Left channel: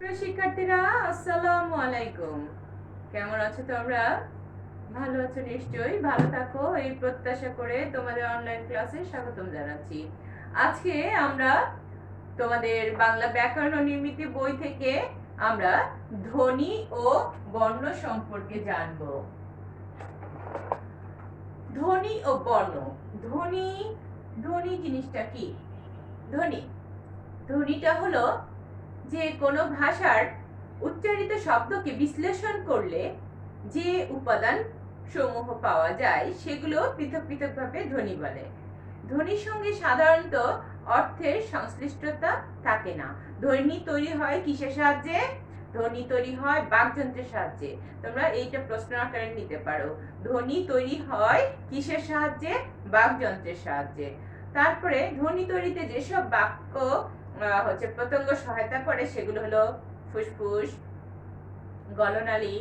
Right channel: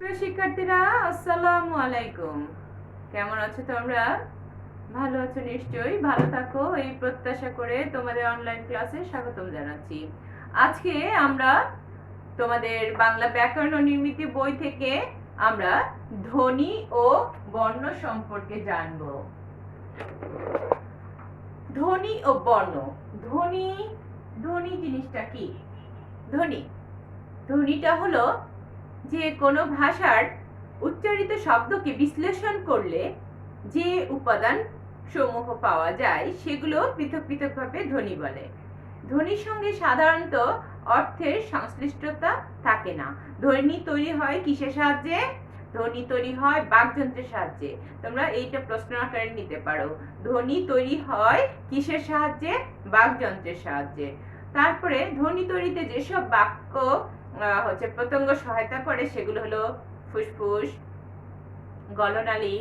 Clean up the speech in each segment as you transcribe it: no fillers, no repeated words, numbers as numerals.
প্রিয় শিক্ষার্থীরা, আসসালামু আলাইকুম। কেমন আছো তোমরা? ভালো আছো নিশ্চয়ই। ভালো থাকো এই প্রত্যাশা করে তোমাদের অনলাইন ক্লাসে স্বাগতম জানাচ্ছি। আজকে আমরা তোমাদের বাংলা ব্যাকরণ ও নির্মিতি বই থেকে আমরা ধ্বনি ও বর্ণ সম্পর্কে জানব। ধ্বনি ও বর্ণ। ধ্বনি ধ্বনি জিনিসটা কি? ধ্বনি ধ্বনিটা হলো যে কোনো ভাষার উচ্চারিত শব্দকে বিশ্লেষণ করলে যে উপাদান সমূহ পাওয়া যায় সেগুলো পৃথক পৃথকভাবে ধ্বনি বলে। ধ্বনির সঙ্গে সাধারণত অর্থের সংশ্লিষ্টতা থাকে না। ধ্বনি তৈরি হয় কিসের সাহায্যে? ধ্বনি তৈরি হয় বাকযন্ত্রের সাহায্যে। তোমরা এইটা প্রশ্ন আকারে নিতে পারো। ধ্বনি তৈরি হয় কিসের সাহায্যে? বাকযন্ত্রের সাহায্যে। তারপরে ধ্বনি তৈরিতে যেসব বাক্য প্রত্যঙ্গ সহায়তা করে সেগুলো হলো ফুসফুস, গলনালী,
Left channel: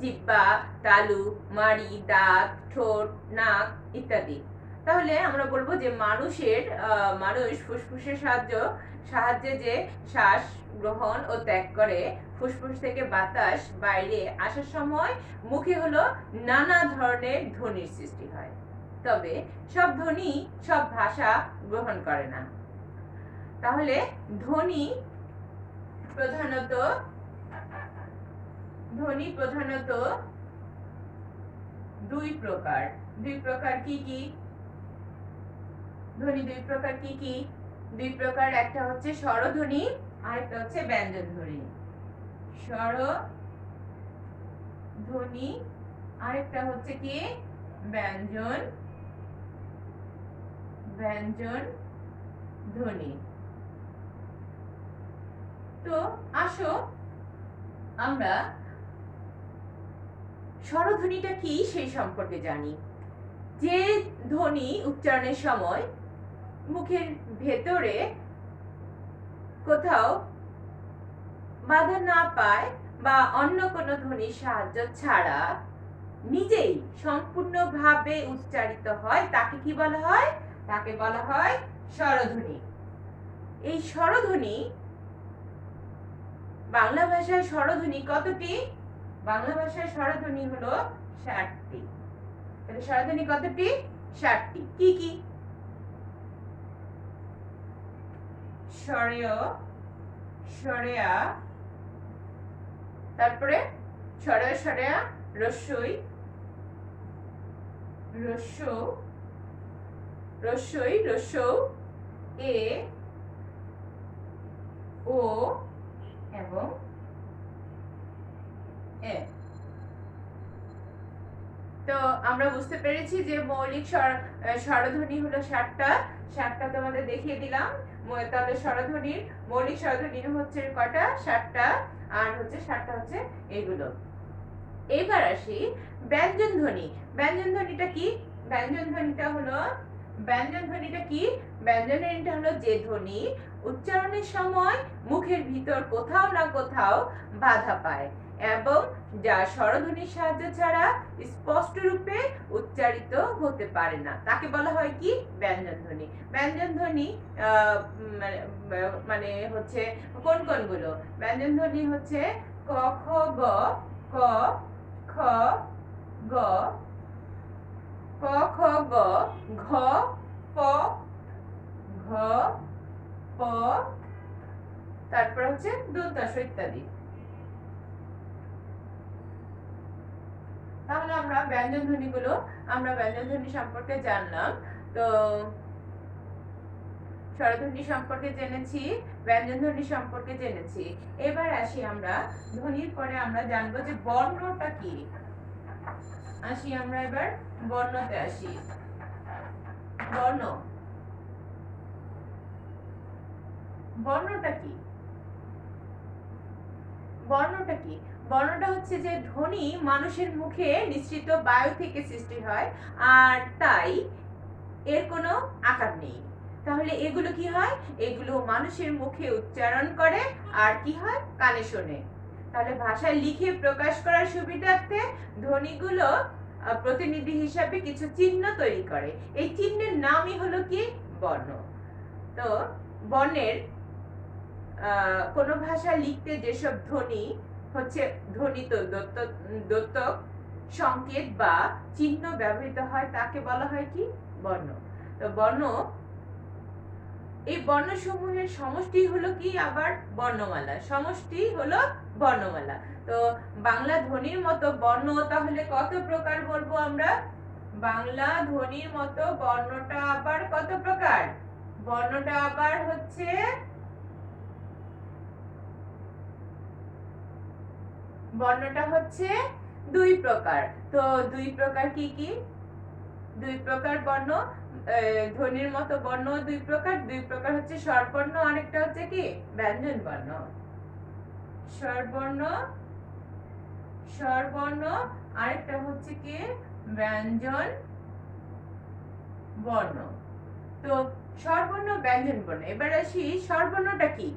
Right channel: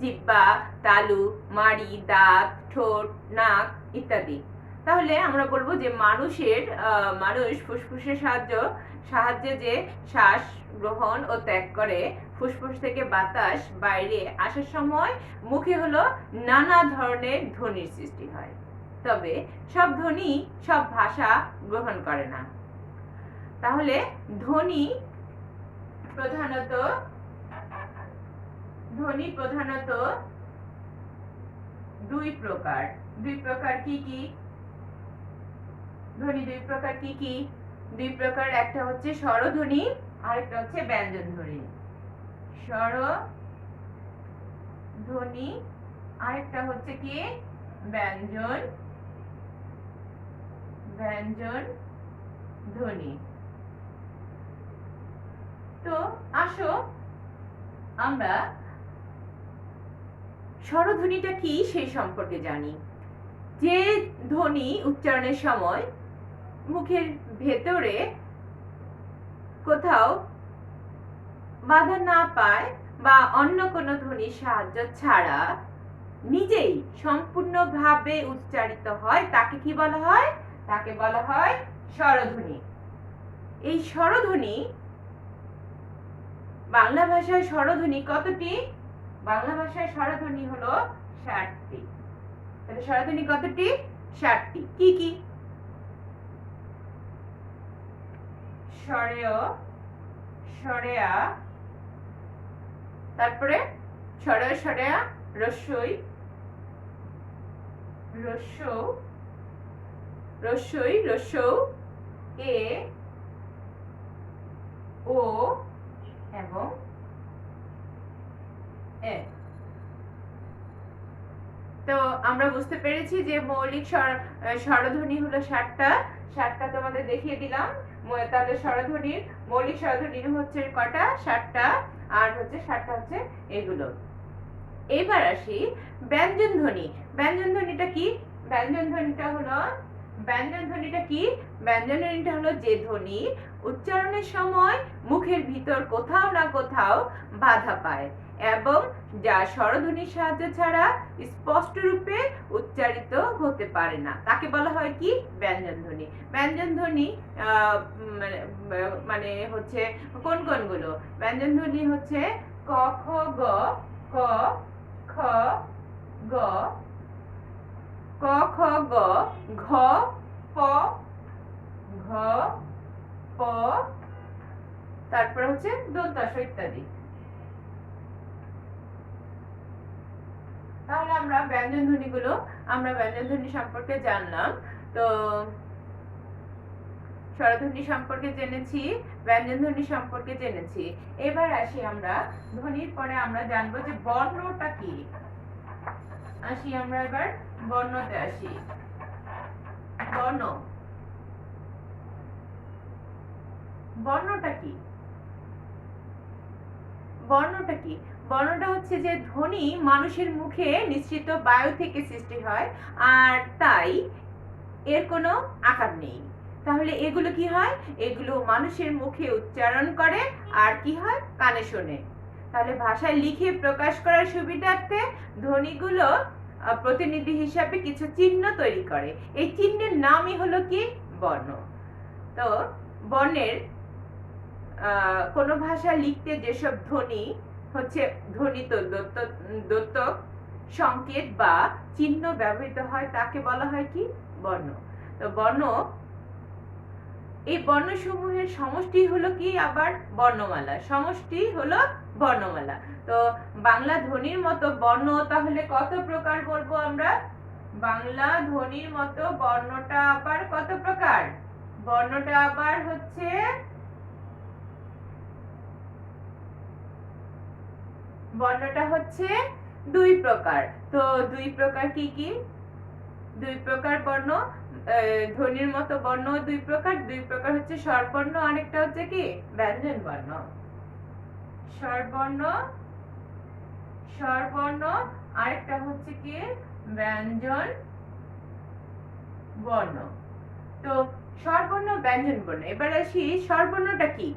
জিহ্বা, তালু, মাড়ি, দাঁত, ঠোঁট, নাক ইত্যাদি। তাহলে আমরা বলবো যে মানুষ ফুসফুসের সাহায্যে যে শ্বাস গ্রহণ ও ত্যাগ করে, ফুসফুস থেকে বাতাস বাইরে আসার সময় মুখে হলো নানা ধরনের ধ্বনির সৃষ্টি হয়। তবে সব ধ্বনি সব ভাষা গ্রহণ করে না। তাহলে ধ্বনি প্রধানত দুই প্রকার। কি কি? ধ্বনি দুই প্রকার কি কি? দুই প্রকার, একটা হচ্ছে স্বরধ্বনি আর একটা হচ্ছে ব্যঞ্জন ধ্বনি। স্বরধ্বনি আরেকটা হচ্ছে কি? ব্যঞ্জন ধ্বনি। তো আসো আমরা স্বরধ্বনিটা কি সেই সম্পর্কে জানি। যে ধ্বনি উচ্চারণের সময় মুখের ভেতরে কোথাও বাধা না পায় বা অন্য কোনো ধ্বনির সাহায্য ছাড়া নিজেই সম্পূর্ণভাবে উচ্চারিত হয় তাকে কি বলা হয়? তাকে বলা হয় স্বরধ্বনি। এই স্বরধ্বনি, বাংলা ভাষায় স্বরধ্বনি কতটি? বাংলা ভাষায় স্বরধ্বনি হলো 60টি। তাহলে স্বরধ্বনি কতটি? 60টি। কি কি? স্বরেয়, স্বরেয়া, তারপরে স্বরেয় স্বরেয়া, রস্যই, রস্যৌ, এ, ও এবং এ। তো আমরা বুঝতে পেরেছি যে মৌলিক স্বরধ্বনি হলো 60টা তোমাদের দেখিয়ে দিলাম। তাহলে মৌলিক স্বরধ্বনির হচ্ছে কটা? 60টা। আর হচ্ছে 60টা হচ্ছে এগুলো। এবার আসি ব্যঞ্জন ধ্বনি। ব্যঞ্জন ধ্বনিটা কি? ব্যঞ্জন ধ্বনিটা হলো যে ধ্বনি উচ্চারণের সময় মুখের ভিতর কোথাও না কোথাও বাধা পায় এবং যা স্বরধ্বনির সাহায্য ছাড়া স্পষ্ট রূপে উচ্চারিত হতে পারে না, তাকে বলা হয় কি? ব্যঞ্জন ধ্বনি। ব্যঞ্জন ধ্বনি মানে হচ্ছে কোনগুলো? ব্যঞ্জন ধ্বনি হচ্ছে ক, খ, গ, ক, খ, গ, ক, খ, গ, ঘ, প, ঘ, প, তারপর হচ্ছে দন্তাস ইত্যাদি। তাহলে আমরা ব্যঞ্জন ধ্বনি সম্পর্কে জানলাম। তো স্বরধ্বনি সম্পর্কে জেনেছি, ব্যঞ্জন ধ্বনি সম্পর্কে জেনেছি। এবার আসি আমরা ধ্বনির পরে আমরা জানবো যে বর্ণটা কি। আমরা এবার বর্ণতে আসি। বর্ণটা কি? বর্ণটা হচ্ছে যে ধ্বনি মানুষের মুখে নিঃসৃত বায়ু থেকে সৃষ্টি হয়, আর তাই এর কোনো আকার নেই। তাহলে এগুলো কি হয়? এগুলো মানুষের মুখে উচ্চারণ করে আর কি হয়? কানে শোনে। তাহলে ভাষায় লিখে প্রকাশ করার সুবিধার্থে ধ্বনিগুলো প্রতিনিধি হিসাবে কিছু চিহ্ন তৈরি করে। এই চিহ্নের নামই হলো কি? বর্ণ। তো বর্ণের কোনো ভাষা লিখতে যেসব ধ্বনি হচ্ছে ধ্বনিত দ্যোতক সংকেত বা চিহ্ন ব্যবহৃত হয় তাকে বলা হয় কি? বর্ণ। তো বর্ণ, এই বর্ণসমূহের সমষ্টি হলো কি? আবার বর্ণমালা। সমষ্টি হলো বর্ণমালা। তো বাংলা ধ্বনির মতো বর্ণ তাহলে কত প্রকার বলবো আমরা? বাংলা ধ্বনির মতো বর্ণটা আবার কত প্রকার? বর্ণটা আবার হচ্ছে দুই প্রকার। তো দুই প্রকার কি কি? দুই প্রকার বর্ণ, ধ্বনির মতো বর্ণ দুই প্রকার। দুই প্রকার হচ্ছে স্বরবর্ণ, আরেকটা হচ্ছে কি? ব্যঞ্জন বর্ণ। স্বরবর্ণ আরেকটা হচ্ছে কি? ব্যঞ্জন বর্ণ। তো স্বরবর্ণ, ব্যঞ্জন বর্ণ। এবার আসি স্বরবর্ণটা কি?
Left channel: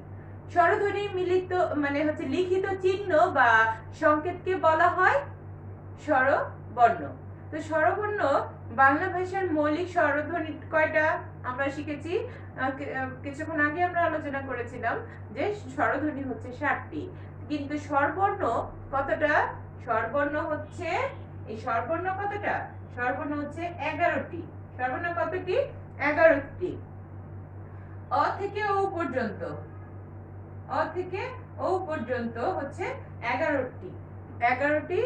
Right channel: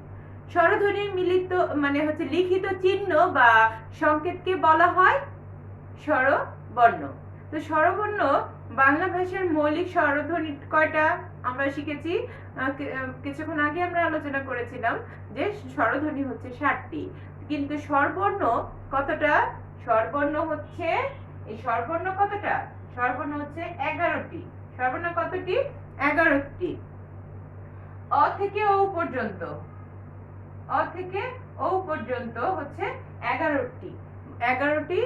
স্বরধ্বনির মিলিত মানে হচ্ছে লিখিত চিহ্ন বা সংকেতকে বলা হয় স্বরবর্ণ। তো স্বরবর্ণ বাংলা ভাষার মৌলিক স্বরধ্বনি কয়টা আমরা শিখেছি? কিছুক্ষণ আগে আমরা আলোচনা করেছিলাম যে স্বরধ্বনি হচ্ছে 7টি, কিন্তু স্বরবর্ণ কতটা? স্বরবর্ণ হচ্ছে, এই স্বরবর্ণ কতটা? স্বরবর্ণ হচ্ছে 11টি। স্বরবর্ণ কতটি? 11টি। অ থেকে ও পর্যন্ত, অ থেকে ও পর্যন্ত হচ্ছে 11টি। 11টি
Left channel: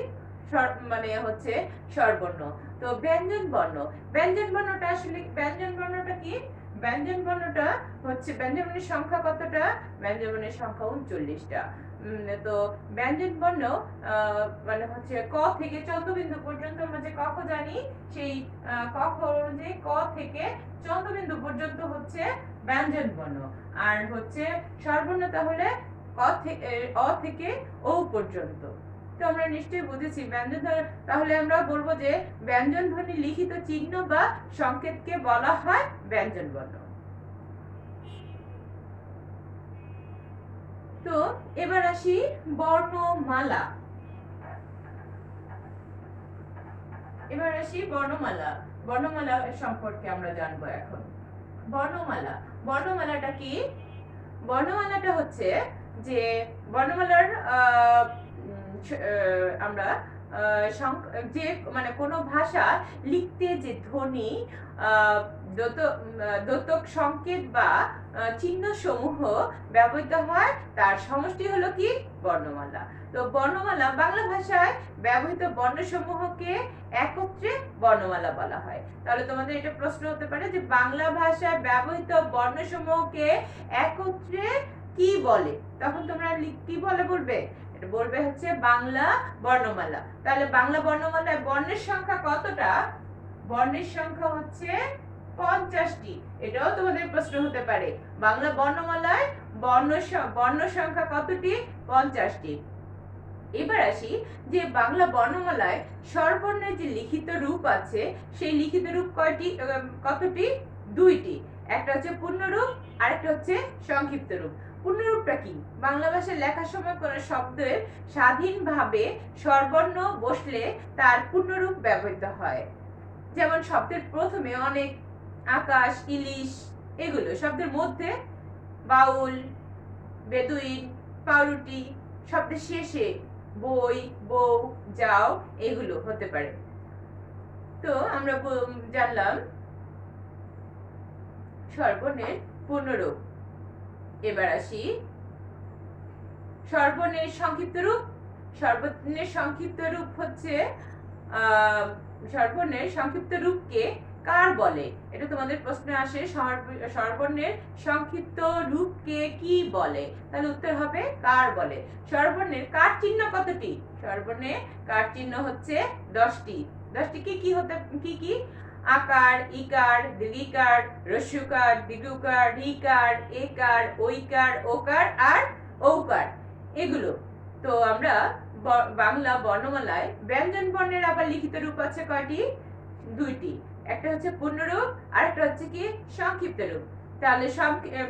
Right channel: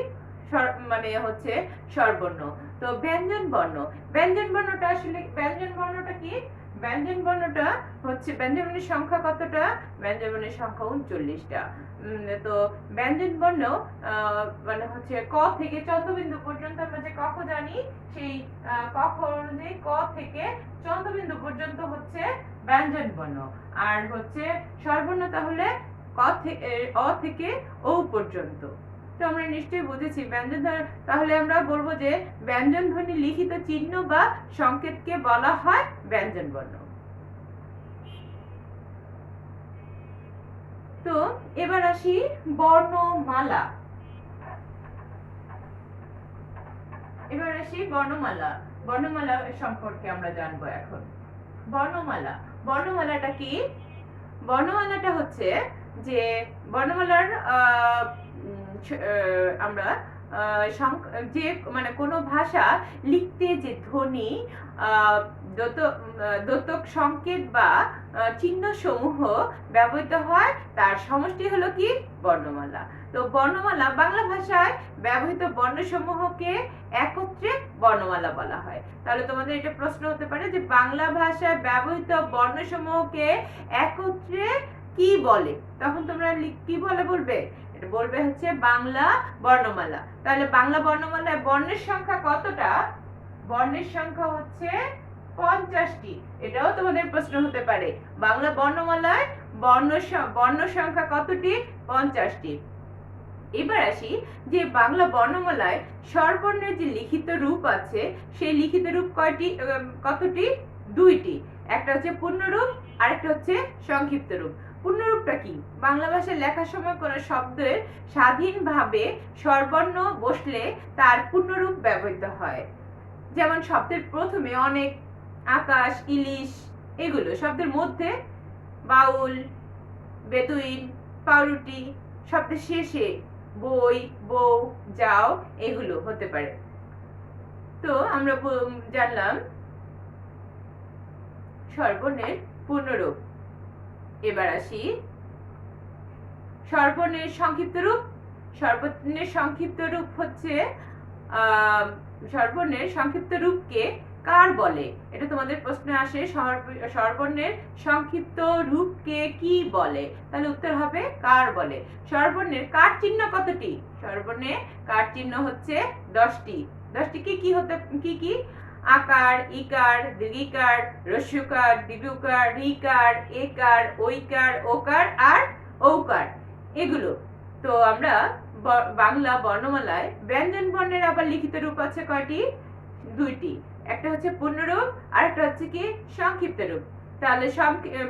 মানে হচ্ছে স্বরবর্ণ। তো ব্যঞ্জন বর্ণ, ব্যঞ্জন বর্ণটা আসলে, ব্যঞ্জন বর্ণটা কি? ব্যঞ্জন বর্ণটা হচ্ছে, ব্যঞ্জন বর্ণের সংখ্যা কতটা? ব্যঞ্জন বর্ণের সংখ্যা 39টা। তো ব্যঞ্জন বর্ণ মানে হচ্ছে ক থেকে চন্দ্রবিন্দু পর্যন্ত আমরা যে ক জানি, সেই ক অনুযায়ী ক থেকে চন্দ্রবিন্দু পর্যন্ত হচ্ছে ব্যঞ্জন বর্ণ। আর হচ্ছে স্বরবর্ণ তাহলে অ থেকে ও পর্যন্ত। তো আমরা নিশ্চয়ই বুঝেছি ব্যঞ্জন। তাহলে আমরা বলবো যে ব্যঞ্জন ধ্বনি লিখিত চিহ্ন বা সংকেতকে বলা হয় ব্যঞ্জন বর্ণ। তো এবার আসি বর্ণমালা। বর্ণমালা সম্পর্কে আমরা জানবো এখন। বর্ণমালাটা কি? বর্ণমালাটা হচ্ছে যে বর্ণমালার আমরা যে মানে কোনো ভাষা লিখতে যে ধ্বনি, দ্যোতক সংকেত বা চিহ্ন সমূহ ব্যবহৃত হয় তার সমষ্টি হলো কি? বর্ণমালা। তো বর্ণমালা, বাংলা ভাষায় ব্যবহৃত বর্ণসমূহকে একত্রে বর্ণমালা বলা হয়। তাহলে তোমাদের এটা প্রশ্ন হতে পারে যে বাংলা ভাষায় ব্যবহৃত বর্ণসমূহকে একত্রে কি বলে? তখন তোমরা কি বলবে? এটা বলবে হচ্ছে বাংলা বর্ণমালা। তাহলে বাংলা বর্ণমালায় বর্ণের সংখ্যা কতটা? বর্ণের সংখ্যা হচ্ছে 50টি। এটাও তোমাদের প্রশ্ন হতে পারে, বাংলা বর্ণমালায় বর্ণ সংখ্যা কতটি? 50টি। এবার আসি যে বাংলা বর্ণমালায় স্বরবর্ণের যে লিখিত রূপ আছে, সেই লিখিত রূপ কতটি? 2টি। একটা হচ্ছে পূর্ণরূপ, আরেকটা হচ্ছে সংক্ষিপ্ত রূপ। পূর্ণরূপটা কি? বাংলা ভাষায় লেখার সময় কোনো শব্দের স্বাধীনভাবে স্বরবর্ণ বসলে তার পূর্ণরূপ ব্যবহৃত হয়। যেমন শব্দের প্রথমে অনেক, আকাশ, ইলিশ, এগুলো। শব্দের মধ্যে বাউল, বেদুইন, পাউরুটি, শব্দের শেষে বই, বউ, যাও, এগুলো হতে পারে। তো আমরা জানলাম স্বরবর্ণের পূর্ণরূপ। এবার আসি স্বরবর্ণের সংক্ষিপ্ত রূপ। স্বরবর্ণের সংক্ষিপ্ত রূপ হচ্ছে স্বরবর্ণের সংক্ষিপ্ত রূপকে কার বলে? এটা তোমাদের প্রশ্নে আসে, স্বরবর্ণের সংক্ষিপ্ত রূপকে কি বলে? তাহলে উত্তর হবে কার বলে। স্বরবর্ণের কার চিহ্ন কতটি? স্বরবর্ণে কার চিহ্ন হচ্ছে 10টি। 10টি কি কি? আকার, ইকার, দীর্ঘিকার, হ্রস্বকার, দীর্ঘকার, ঋকার, একার, ঐকার, ওকার আর ঔকার, এগুলো। তো আমরা বাংলা বর্ণমালায় ব্যঞ্জন বর্ণের আবার লিখিত রূপ আছে কয়টি? 2টি। একটা হচ্ছে পূর্ণরূপ, আর একটা হচ্ছে কি? সংক্ষিপ্ত রূপ। তাহলে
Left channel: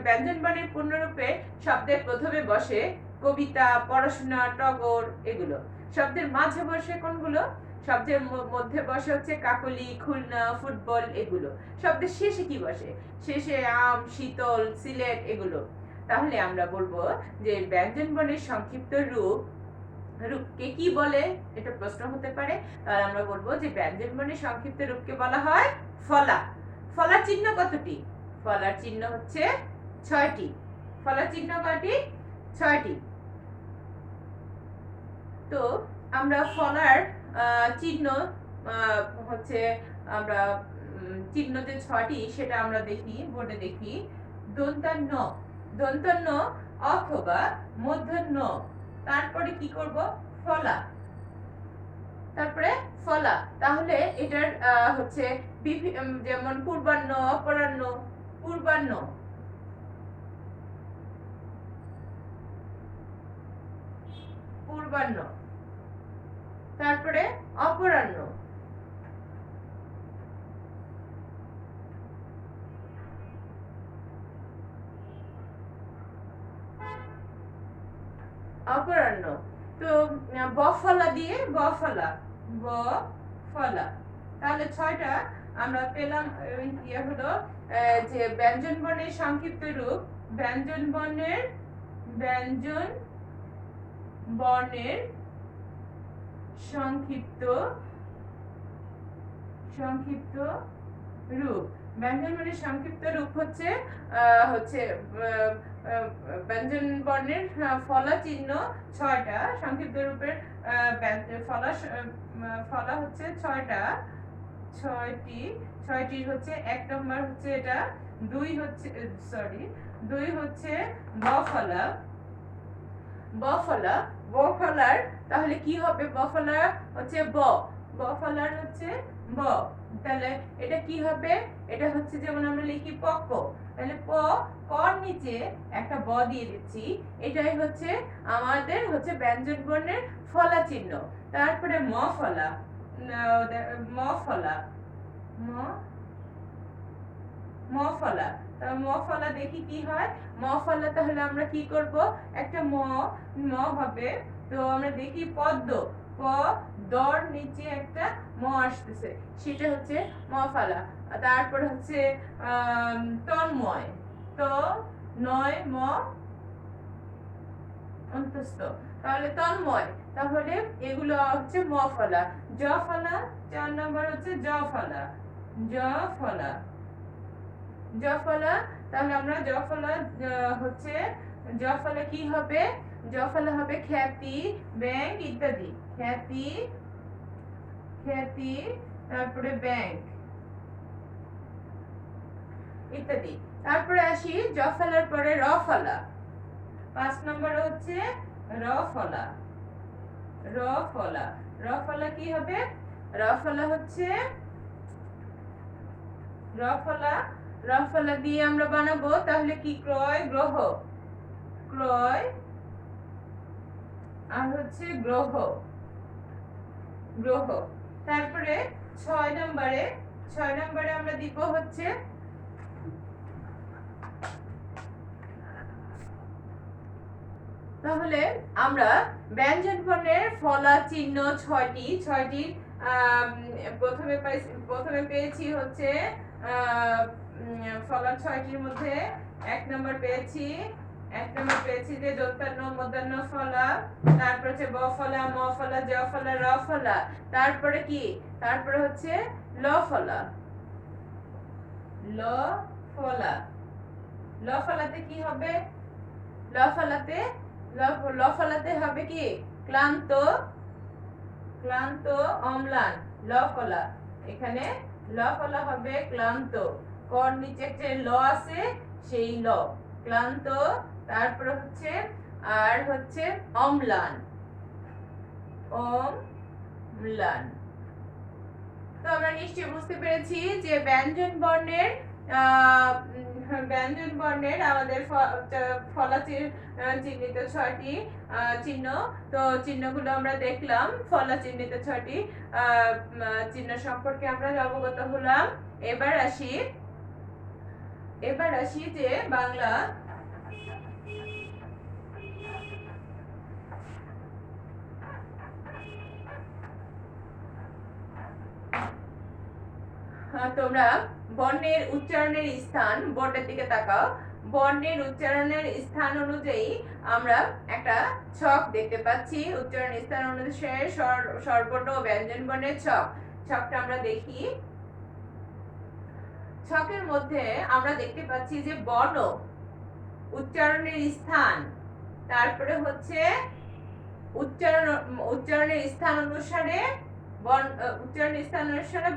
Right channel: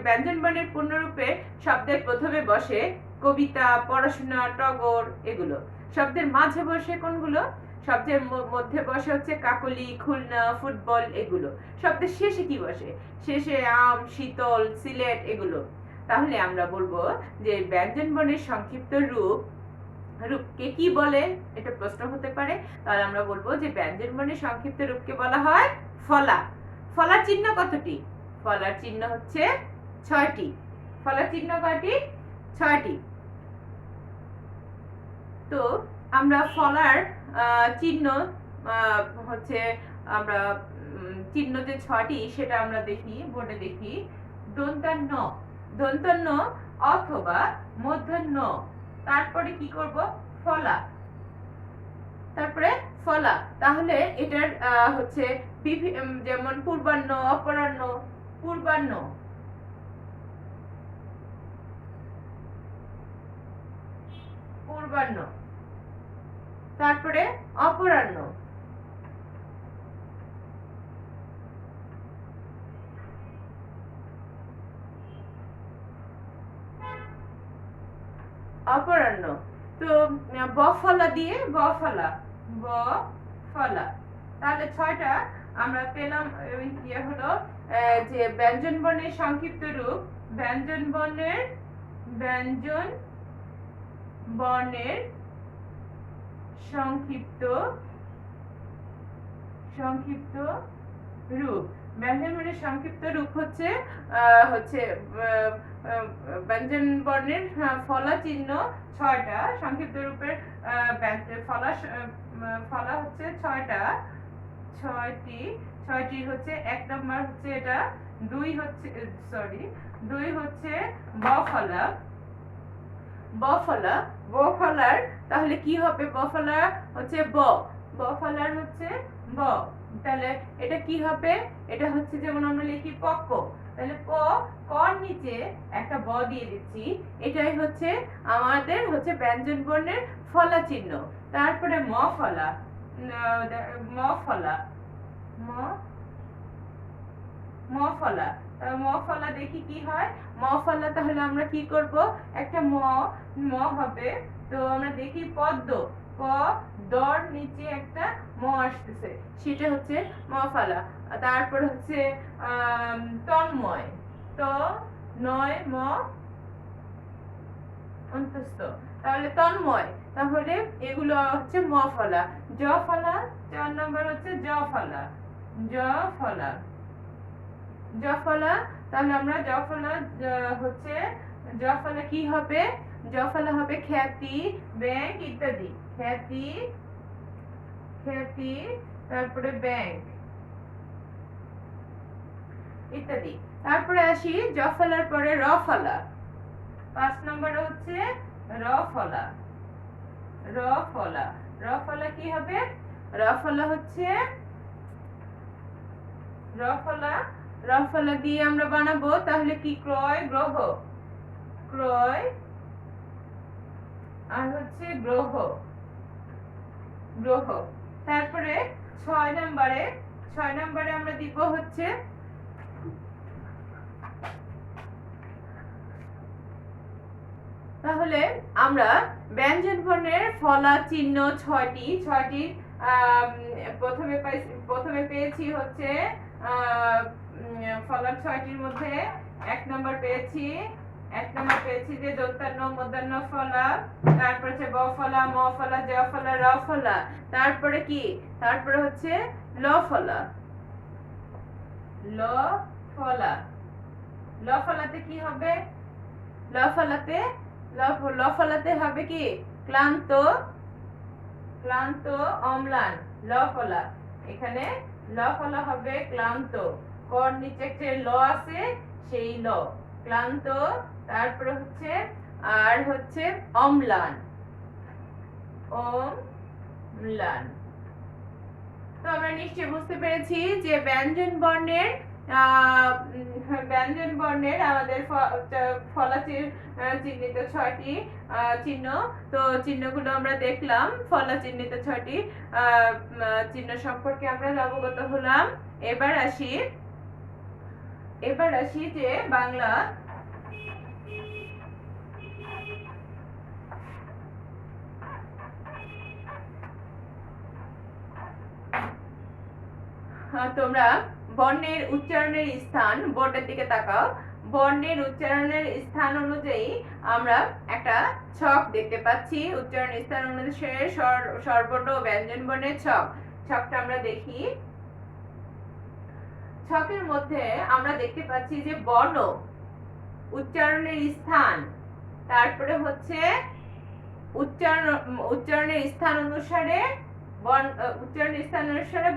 ব্যঞ্জন বর্ণের পূর্ণরূপে শব্দের প্রথমে বসে কবিতা, পড়াশোনা, টগর, এগুলো। শব্দের মাঝে বসে কোনগুলো? শব্দের মধ্যে বসে হচ্ছে কাকলি, খুলনা, ফুটবল, এগুলো। শব্দের শেষে কি বসে? শেষে আম, শীতল, সিলেট, এগুলো। তাহলে আমরা বলবো যে ব্যঞ্জন বর্ণের সংক্ষিপ্ত রূপকে কি বলে, এটা প্রশ্ন হতে পারে। তাহলে আমরা বলবো যে ব্যঞ্জন বর্ণের সংক্ষিপ্ত রূপকে বলা হয় ফলা। ফলার চিহ্ন কতটি? ফলার চিহ্ন হচ্ছে 6টি। ফলার চিহ্ন কয়টি? 6টি। তো আমরা ফলার চিহ্ন হচ্ছে আমরা চিহ্ন যে 6টি সেটা আমরা দেখি, বোর্ডে দেখি। দন্তান্ন, দন্তান্ন অথবা মূর্ধন্য, তারপরে কি করব? ফলা। তারপরে ফলা। তাহলে এটার হচ্ছে যেমন পূর্বাহ্ন, অপরাহ্ন, পূর্বাহ্ন, পূর্বাহ্ন, তারপরে অপরাহ্ন, অপরাহ্ন। তো বফলা দিয়ে বফলা, বফলা। তাহলে 6টা আমরা পেলাম। ইয়ে হলো যে ব্যঞ্জন বর্ণের সংক্ষিপ্ত রূপ, ব্যঞ্জন বর্ণের সংক্ষিপ্ত রূপ। ব্যঞ্জন বর্ণের সংক্ষিপ্ত রূপ হচ্ছে ব্যঞ্জন বর্ণের ফলা চিহ্ন 6টা, সংক্ষিপ্ত রূপের ফলা হচ্ছে 6টা, 6টি হচ্ছে। 1 নম্বর হচ্ছে এটা, 2 হচ্ছে বফলা। বফলার তাহলে কি হবে? বফলা হচ্ছে বফলার হচ্ছে ব। তাহলে এটা কি হবে? এটা হচ্ছে যেমন আমরা লিখি পক্ক, তাহলে কর নিচে একটা ব দিয়ে দিচ্ছি, এটাই হচ্ছে আমাদের হচ্ছে ব্যঞ্জন বর্ণের ফলা চিহ্ন। তারপরে মফলা, মফলা দেখি কি হয়। মফলা তাহলে আমরা কি করব? একটা ম হবে। তো আমরা দেখি পদ্ম, দর নিচে একটা ম আসতেছে, সেটা হচ্ছে মফলা। তারপর হচ্ছে তন্ময়, নয় ম অন্তস্থ, তাহলে তন্ময়। তাহলে এগুলো হচ্ছে মফলা। জফলা 4 নম্বর হচ্ছে জফলা, তাহলে আমরা হচ্ছে জফলা কি হবে? জফলা হবে খ্যাতি, ব্যাংক ইত্যাদি। খ্যাতি, তারপরে ব্যাংক ইত্যাদি। তারপরে আসি জফলার পরে রফলা। 5 নম্বরে হচ্ছে রফলা। রফলা কি হবে? রফলা হচ্ছে রফলা দিয়ে আমরা বানাবো তাহলে কি? ক্রয়, গ্রহ, আর হচ্ছে গ্রহ। তারপরে 6 নম্বরে আমরা দিব হচ্ছে তাহলে আমরা ব্যঞ্জন বর্ণের ফলা চিহ্ন 6টি প্রথমে পেয়েছি হচ্ছে ফলার 6টির মধ্যে 1 নম্বর পেয়েছি যে দন্তান্ন, মূর্ধন্য ফলা, তারপর হচ্ছে বফলা, মফলা, জফলা, রফলা। তারপরে কি? তারপরে হচ্ছে লফলা। লফলাতে কি হবে? লফলাতে হবে কি? ক্লান্ত, অম্লান, লফলা। এখানে লফলা হবে ক্লান্ত, কর নিচে একটা ল আছে, সেই ল, ক্লান্ত। তারপর হচ্ছে আর হচ্ছে অম্লান, তো আমরা নিশ্চয়ই বুঝতে পেরেছি যে ব্যঞ্জন বর্ণের আমাদের ফলা চিহ্নিত 6টি চিহ্ন। তো চিহ্নগুলো আমরা দেখলাম, ফলা চিহ্নিত 6টি চিহ্ন সম্পর্কে আমরা অবগত হলাম। এবার আসি যে বাংলা তোমরা বর্ণের উচ্চারণের স্থান বোর্ডের দিকে তাকাও। বর্ণের উচ্চারণের স্থান অনুযায়ী আমরা একটা ছক দেখতে পাচ্ছি। উচ্চারণ স্থান অনুসারে স্বরবর্ণ ও ব্যঞ্জন বর্ণের ছক। ছকটা আমরা দেখি। ছকের মধ্যে আমরা দেখতে পাচ্ছি যে বর্ণ, উচ্চারণের স্থান, তারপরে হচ্ছে উচ্চারণের স্থান অনুসারে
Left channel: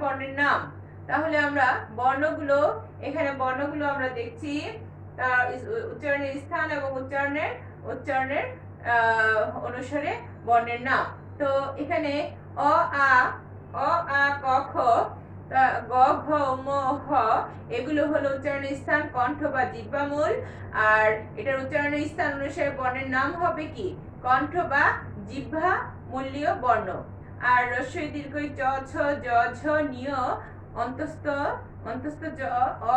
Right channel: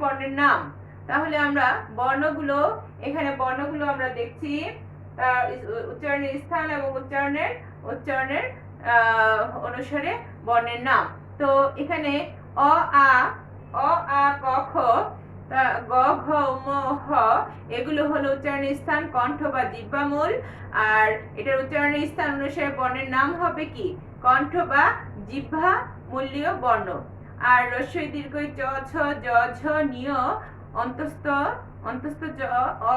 বর্ণের নাম। তাহলে আমরা বর্ণগুলো আমরা দেখছি, উচ্চারণের স্থান এবং উচ্চারণের অনুসারে বর্ণের নাম। তো এখানে অ আ ক খ গ ঘ ম হ এগুলো হলো উচ্চারণের স্থান, কণ্ঠ বা জিহ্বামূল। আর এটার উচ্চারণের স্থান অনুসারে বর্ণের নাম হবে কি? কণ্ঠ বা জিহ্বা মূলীয় বর্ণ। আর রস্বই দীর্ঘই চ ছ জ ঝ নিয় অন্তস্থ জ অ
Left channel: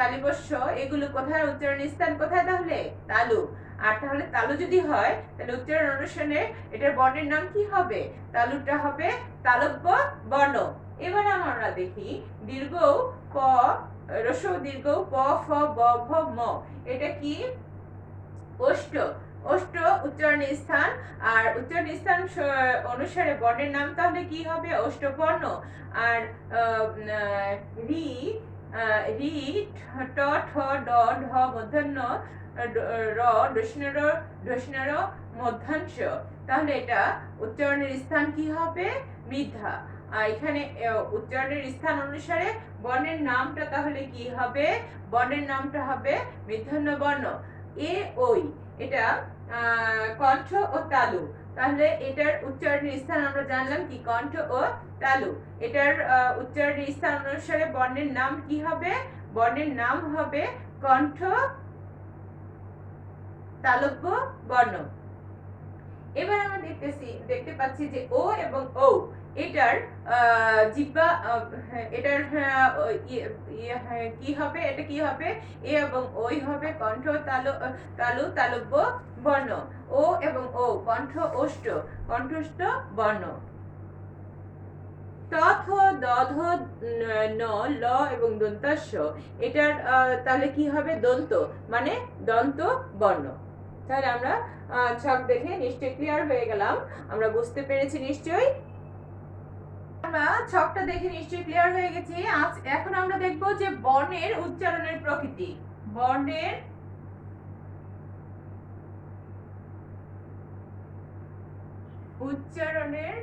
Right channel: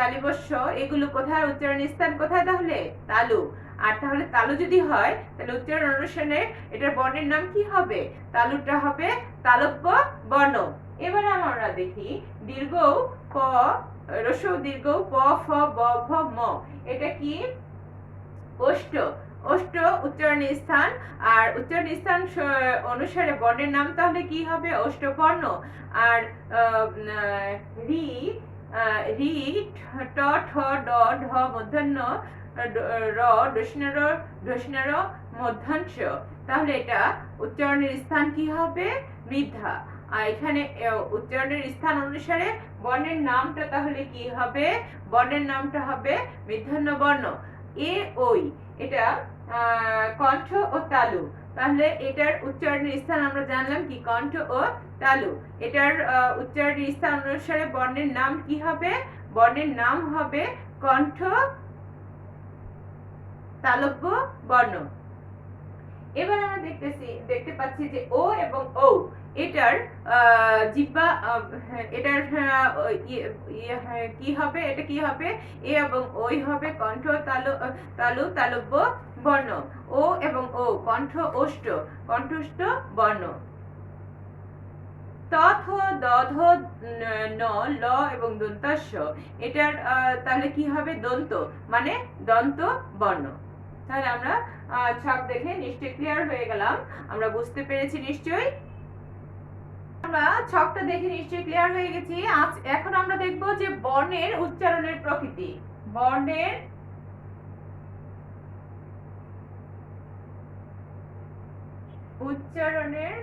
তালিবস্য এগুলো কোথায় উচ্চারণের স্থান কোথায়? তাহলে তালু। আর তাহলে তালু যদি হয় তাহলে উচ্চারণ অনুসারে এটার বর্ণের নাম কি হবে? তালুটা হবে তালব্য বর্ণ। এবার আমরা দেখি দীর্ঘ প, রস্বই দীর্ঘ প ফ ব ভ ম, এটা কি? ওষ্ঠ। ওষ্ঠ উচ্চারণের স্থান। আর উচ্চারণের স্থান অনুসারে বর্ণের নাম তাহলে কি হবে? অষ্টবর্ণ। আর রি রি ট ঠ ড ঢ মূর্ধন্য র দস্যুর মধ্যাংশ। তাহলে এটা উচ্চারণের স্থান কি হবে? বৃদ্ধা। আর এখানে উচ্চারণের স্থান অনুসারে বর্ণের নামটা তাহলে কি হবে? বর্ণের নামটা হবে মূর্ধন্য বর্ণ। এ ওই এটা কণ্ঠ ও তালু। তাহলে এটার উচ্চারণের স্থান আমরা জানলাম কি? কণ্ঠ ও তালু। এটার উচ্চারণের স্থান অনুসারে বর্ণের নাম কি হবে? বর্ণের নাম হবে কণ্ঠ তালব্য বর্ণ। এবার আমরা দেখতে পাচ্ছি যে ও এবং ও এটার জিহ্বা, এটার কি হবে? এটা কি হবে? এ এবং ওই হবে কণ্ঠ তালব্য বর্ণ। ও এবং ও কণ্ঠস্থ বর্ণ। তথ দধ ন ল এবং দন্তাস্য এটার তাহলে কি হবে? দন্ত, মানে দন্ত বর্ণ। তাহলে আমরা ছক দেখে নিশ্চয়ই ক্লিয়ার হয়ে গেলাম, আমরা বুঝতে পেরেছি নিশ্চয়ই। আমরা ছকটা দেখে নিশ্চয়ই ক্লিয়ার হয়ে গেছি। এখন আমরা দেখব যে বর্ণের উচ্চারণের প্রকৃতি। বর্ণের উচ্চারণের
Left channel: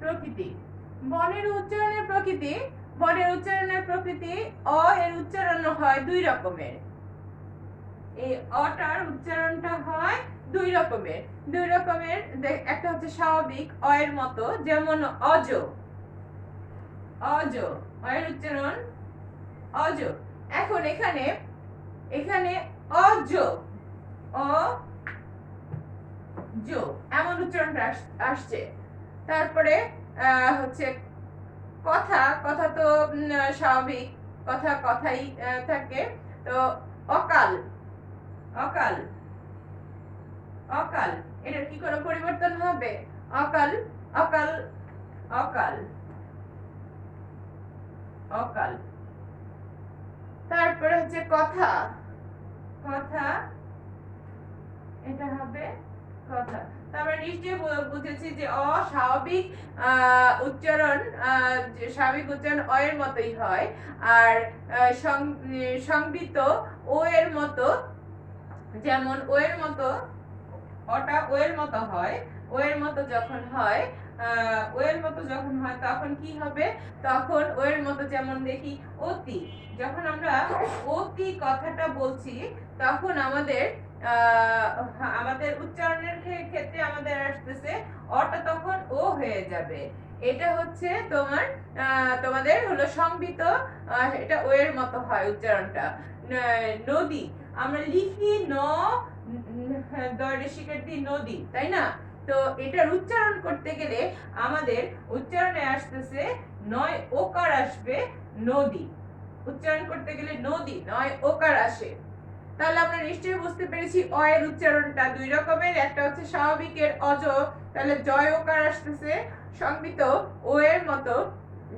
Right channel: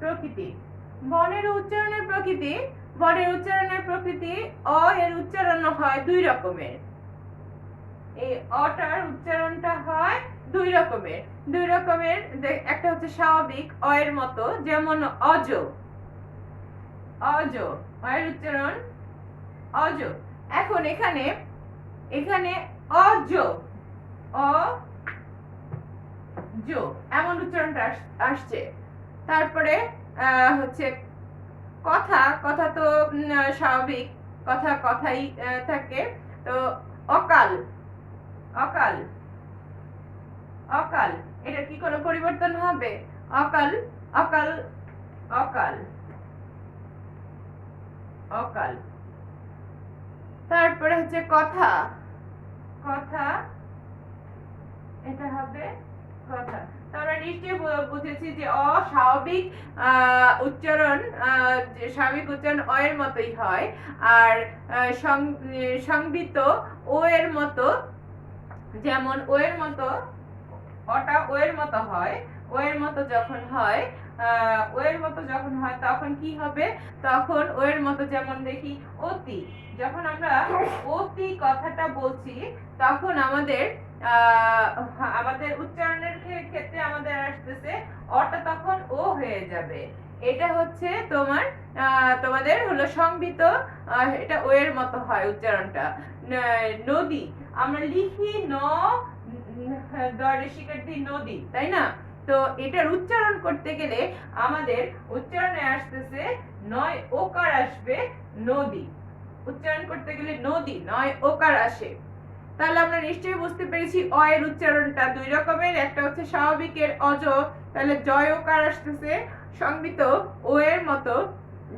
প্রকৃতি। বর্ণের উচ্চারণের প্রকৃতি অ এর উচ্চারণ হয় দুই রকমের। এই অটার উচ্চারণটা হয় দুই রকমের। একটা হচ্ছে স্বাভাবিক অ এর মতো, যেমন অজ। অ এর উচ্চারণ অজ। এখন এখানে অজ এমন উচ্চারণটা আসছে। তারপরে হচ্ছে কথা তো স্বাভাবিক কথাই থাকে। তো অকাল এটা কি কোনো পরিবর্তন হবে? অকাল। তারপরে হচ্ছে কথা এটা হবে কথা। আমরা নিশ্চয়ই বুঝেছি যে অস্বাভাবিক উচ্চারণ, স্বাভাবিক উচ্চারণ অ এর মতোই হয়। আর সংবিত ও এর মতো, যেমন ও এর মতো, অটা ও এর মতো হয়। ও এর মতো যখন হয় তখন কি হবে? তখন ও এর মতো, যেমন দেখি অতি। যখন আমরা অতি কথাটা বলছি তখন আমাদের উচ্চারণের ক্ষেত্রে আমাদের আসতেছে অটা তখন ও হয়ে যাবে। এটা হচ্ছে তোমাদের হলো সংবিত, এটা ও এর মতো হয় উচ্চারণটা। নদী আমরা লিখি নদী, তাই না? তো এটার উচ্চারণ করতে গেলে আমাদের উচ্চারণে আসতেছে নয় ওকার আসবে, নদী। উচ্চারণ করতে গেলে নদী নয় ওকার আসে। তাহলে আমরা নিশ্চয়ই বুঝতে পেরেছি অ এর উচ্চারণটা দুই রকমের। একটা হচ্ছে স্বাভাবিকের অজ, তাহলে জয় ওকার আসতেছে। সংবিত ও এর মতো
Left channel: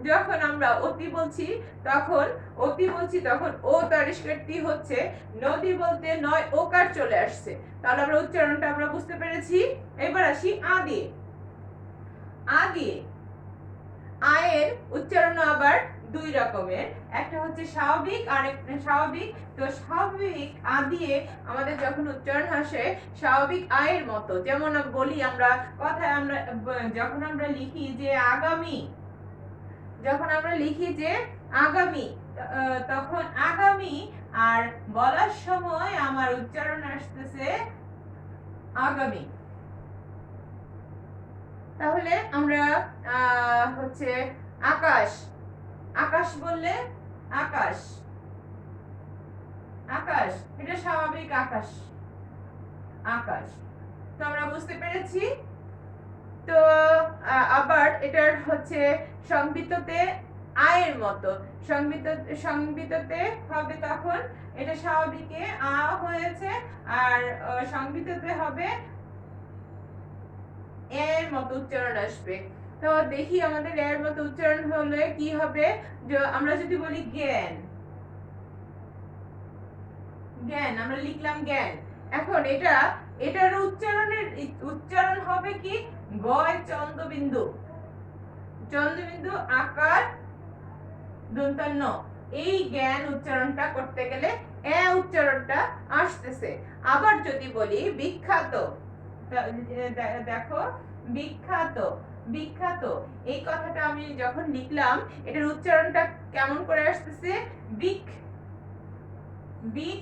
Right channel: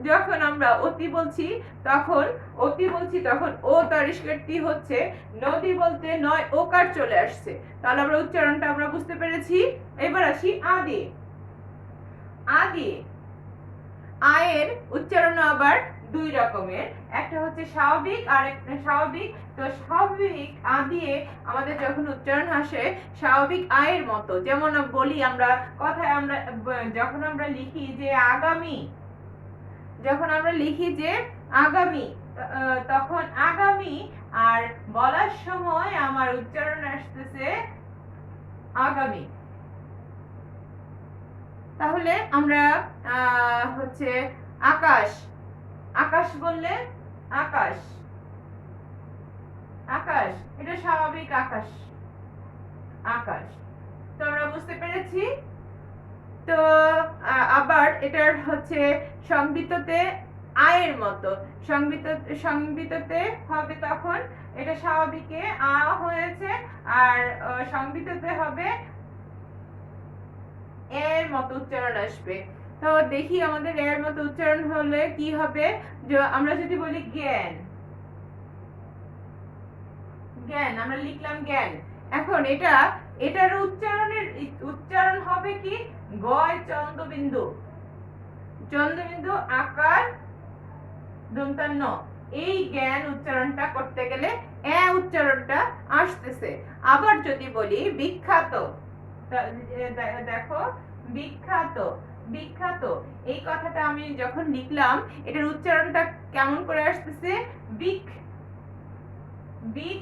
যখন আমরা অতি বলছি তখন ও তরিষ্কারটি হচ্ছে, নদী বলতে নয় ওকার চলে আসছে। তাহলে আমরা উচ্চারণটা আমরা বুঝতে পেরেছি। এবার আসি আ দিয়ে। আ দিয়ে আয়ের উচ্চারণ আবার দুই রকমের, একটা হচ্ছে স্বাভাবিক আর একটা স্বাভাবিক। তো স্বাভাবিক আ দিয়ে আমাদের যখন উচ্চারণ আসে স্বাভাবিক আয়ের মতো, যেমন বলি আমরা কথায়, আমরা যখন আমরা লিখি যে আগামী, তখন আগামী আর বলার সময় আমার উচ্চারণ আসতেছে আগামী। তাহলে আমরা হচ্ছে আকাশ, আকাশ বললে আকাশ, আকাশ এটা স্বাভাবিক আকাশ, আকাশ। তো আমরা বুঝতে পেরেছি। তো আবার এটার হচ্ছে সংবিততে আয়ের মতো, সংবিততে হবে তখন এটা স্বাভাবিকে আ হয়েছে, আর সংবিততে হবে এর মতো উচ্চারণ আসবে। তো দেখি আমাদের এর মতো উচ্চারণ হলে কি হবে। আমরা যদি বলি জ্ঞান, জ্ঞান আমরা লিখলাম জ্ঞান। এখন এটার উচ্চারণ হবে কি গয় চন্দ্রবিন্দু, চন্দ্রবিন্দু আকার দন্তান্ন। এই জ্ঞান উচ্চারণটা করতে গেলে উচ্চারণটা আসতেছে। আবার যদি বলি বিখ্যাত, দেখো বিখ্যাত, বিখ্যাত এই কথাটা আমি যখন লিখলাম এটার উচ্চারণটা কেমন করে আসতেছে, বিক, বিক।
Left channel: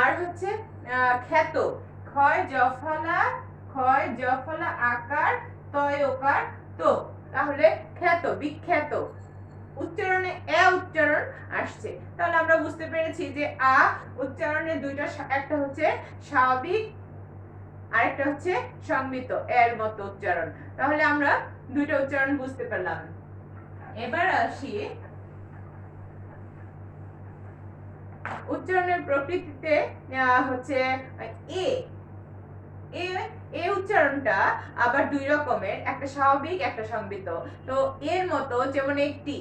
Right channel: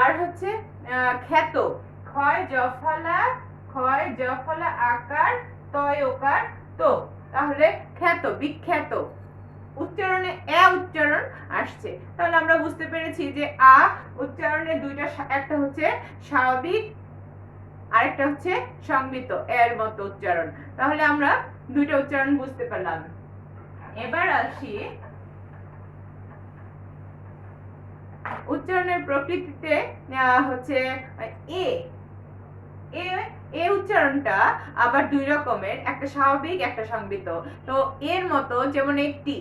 আর হচ্ছে খ্যাত, ক্ষয় জফলা আকার তয় ওকার তো, তাহলে খ্যাত, বিখ্যাত উচ্চারণে উচ্চারণ আসছে। তাহলে আমরা বুঝতে পেরেছি যে আ উচ্চারণে দুইটা, একটা হচ্ছে স্বাভাবিক আরেকটা হচ্ছে সংবিত এর মতো উচ্চারণ। তাহলে আমরা দুইটা উচ্চারণ বুঝতে পারলাম। এবার আসি উচ্চারণের প্রকৃতিতে, হচ্ছে এ উচ্চারণটা আবার দুই রকমের, একটা স্বাভাবিক একটা সংবিত। তো এর মতো যেমন একটি,